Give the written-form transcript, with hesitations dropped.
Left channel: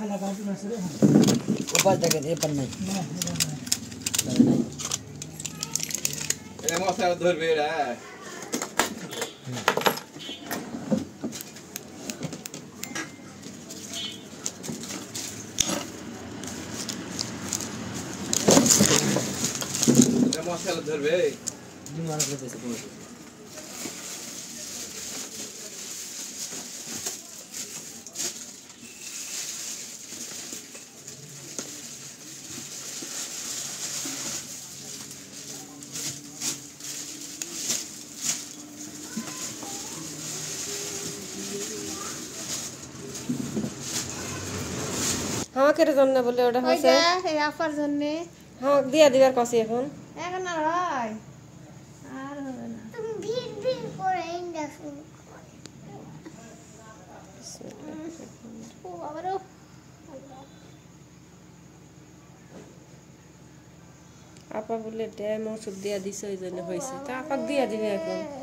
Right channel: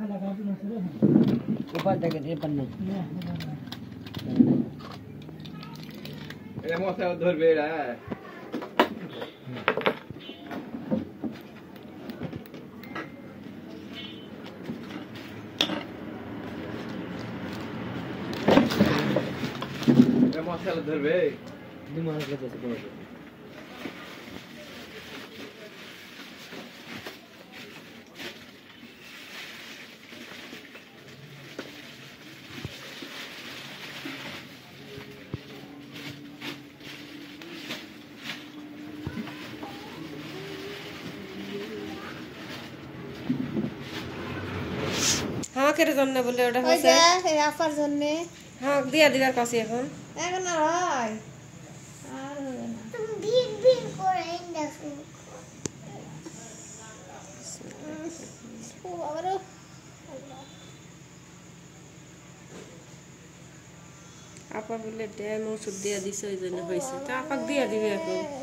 ऊपर देखे दे पन्ने ए मसाला धरबे रे ए मसाला धरबे दिमाग लगे से हाँ केरे জন্য বলে ওটা হইছে এই আফার জন্য হ্যাঁ দিয়া দিবার কসি এখন এখন আর হয় আর হবে না তুমি ভিড় ভিড় করে দেখো ও আবারও আপা বলে ড্যাম ওষুধ দিয়া দিছে ওই জন্য হয়েছে তা আপা দিয়া দিবে এখন